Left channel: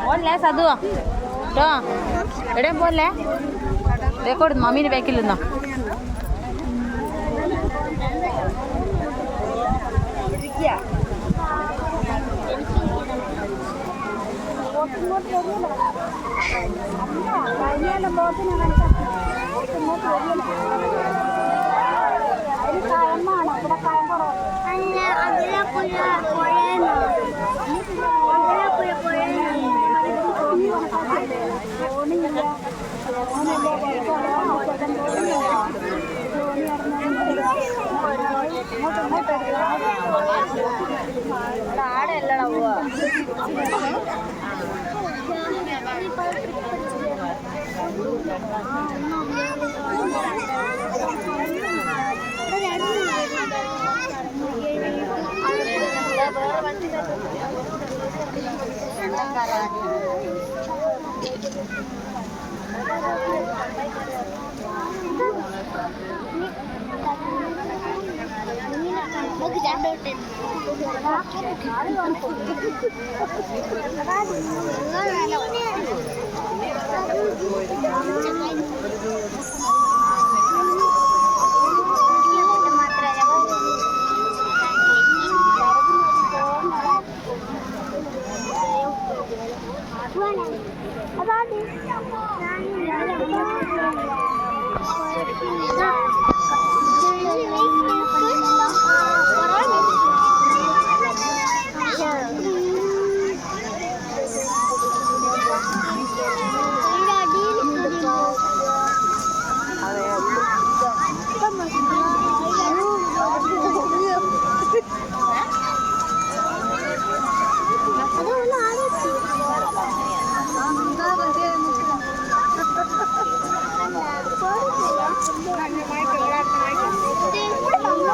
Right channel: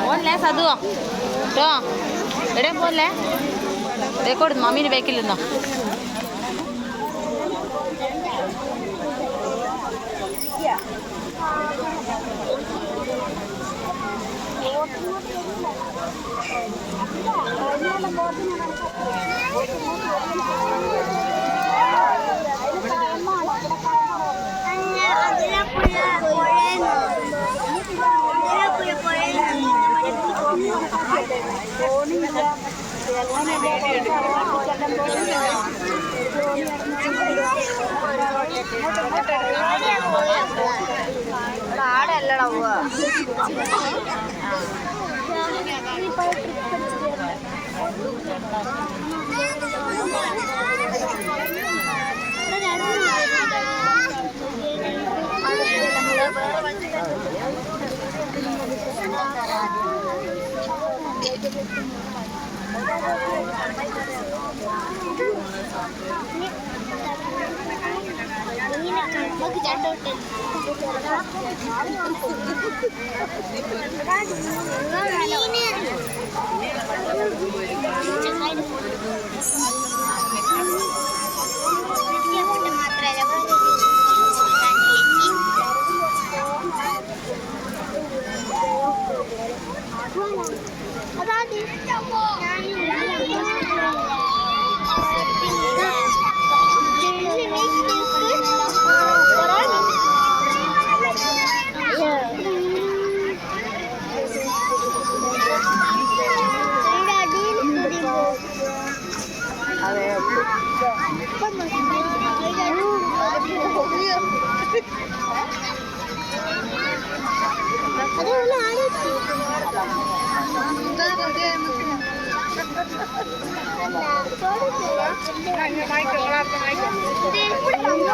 പോലേ സതു കേട്ടോ എവിടെയും പോലെ റെക്കോർഡ് മമ്മീൻ്റെ ബാക്കിൽ നിന്നോ ആടല്ലടാ പോവാ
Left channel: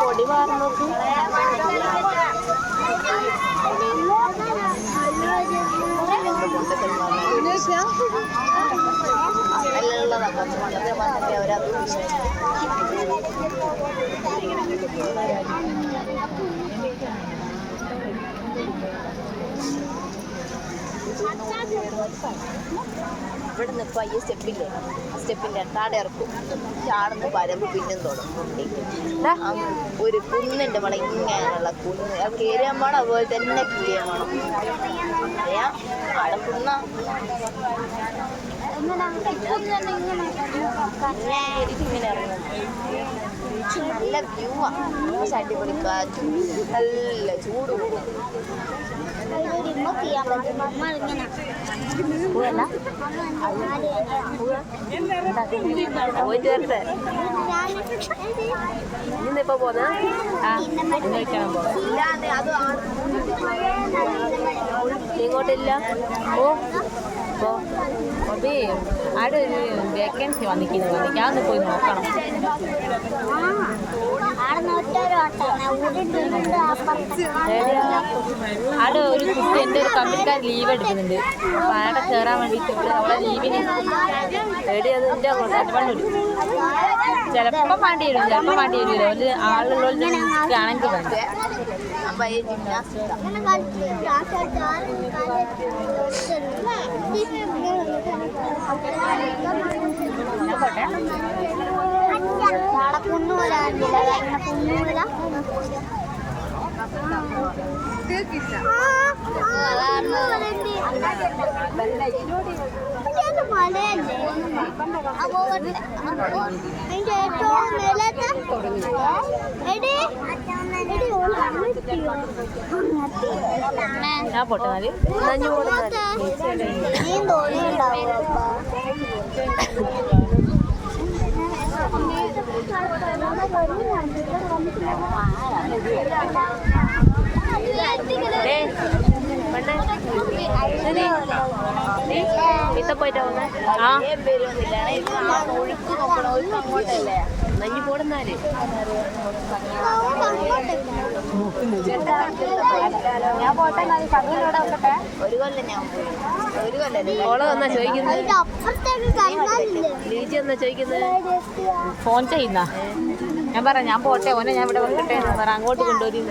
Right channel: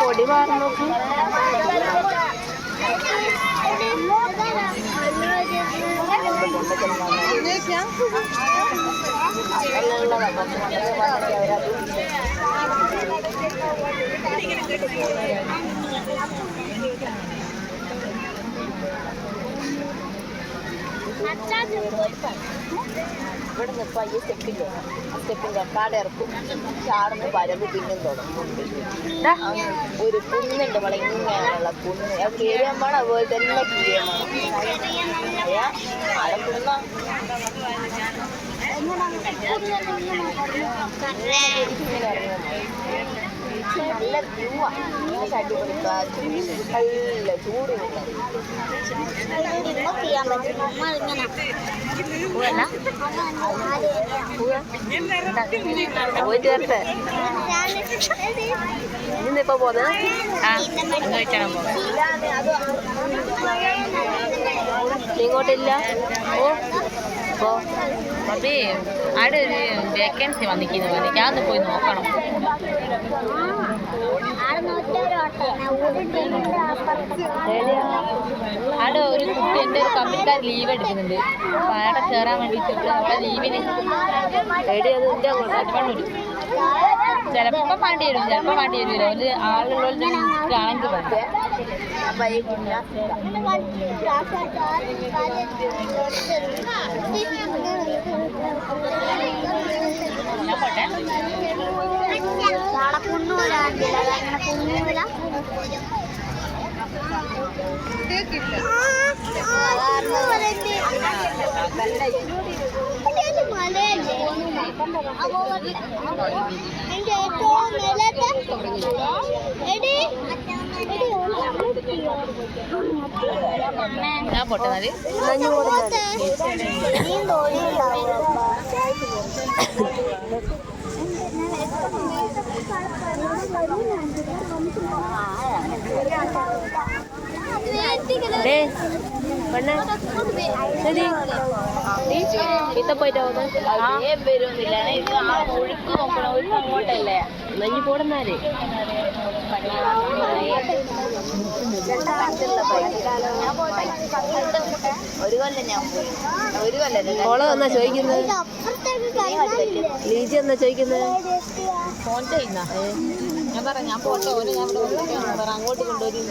പൊടി മാറുന്നു ഇവിടെ നിൽക്കുക ഈ സ്റ്റെപ്പില്ലേ ആ സ്റ്റെപ്പിൻ്റെ കാട് ഇറക്കും ചാടുന്ന വരവ് പിന്നും തുടങ്ങും ഒരു കുന്നുണ്ട് നമ്മളെ ഇങ്ങനെയുള്ള കുന്ന് അത് കയറിയാൻ വേണം അതുപോലെ തന്നെ കീറിയാൻ വേണം അറിയാം ആടെ കുന്ന ഇങ്ങനെ ഇറങ്ങും നല്ല വ്യൂവാണ് അടിപൊളി കാറ്റും നല്ല ചൂടും പോയിട്ട് വരട്ടെ ഇന്നിപ്പോ പോന്നെ ഇങ്ങോട്ടില്ല ഓ അതെ അവിടെ ഒരു വേക്കൻസി വന്നിരിക്കുന്നു എനിക്കാന്ന് പോയി നോക്കണം അവിടെ ഒരു കുട്ടി എൻ്റെ ഒരു കമ്പനിക്കാർ ലീവ് എടുക്കുന്നുണ്ട് അപ്പോൾ അവിടെ കയറാൻ വേണ്ടിയിട്ട് അവിടെ ലീവിന് ചിലപ്പോൾ വേണ്ടി വരും ചിലപ്പോൾ വേണ്ടി വരില്ല ഒരു ആളുള്ള ആണെങ്കിൽ വേണ്ട പൊട്ടുന്നത് പോയിട്ടോ വരുന്നില്ല ഒഴുക്ക് നോക്കണം ഒഴുക്ക് അങ്ങോട്ടല്ലേ നഞ്ഞു പോടുന്നാല് ഒരു കൊല്ലം ഞാൻ ഒരു കൊല്ലം ഓളെ എന്നാ ചോദിക്കുന്നത് ലീജി എന്നാ ചോദിക്കുന്നത് ഫോൺ ചെയ്യുന്ന ഞാൻ പറയാം ഞാൻ പോട്ടെ ഓനെ ഞാൻ ഇവിടെ വന്നിട്ടേ അങ്ങോട്ട് കൊണ്ടുവരും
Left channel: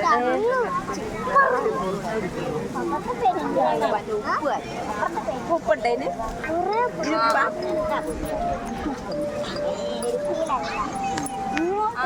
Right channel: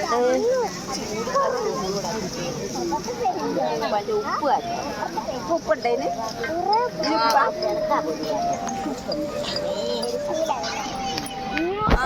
ഉപ്പ് ഉപ്പുണ്ടേന് ഉപ്പ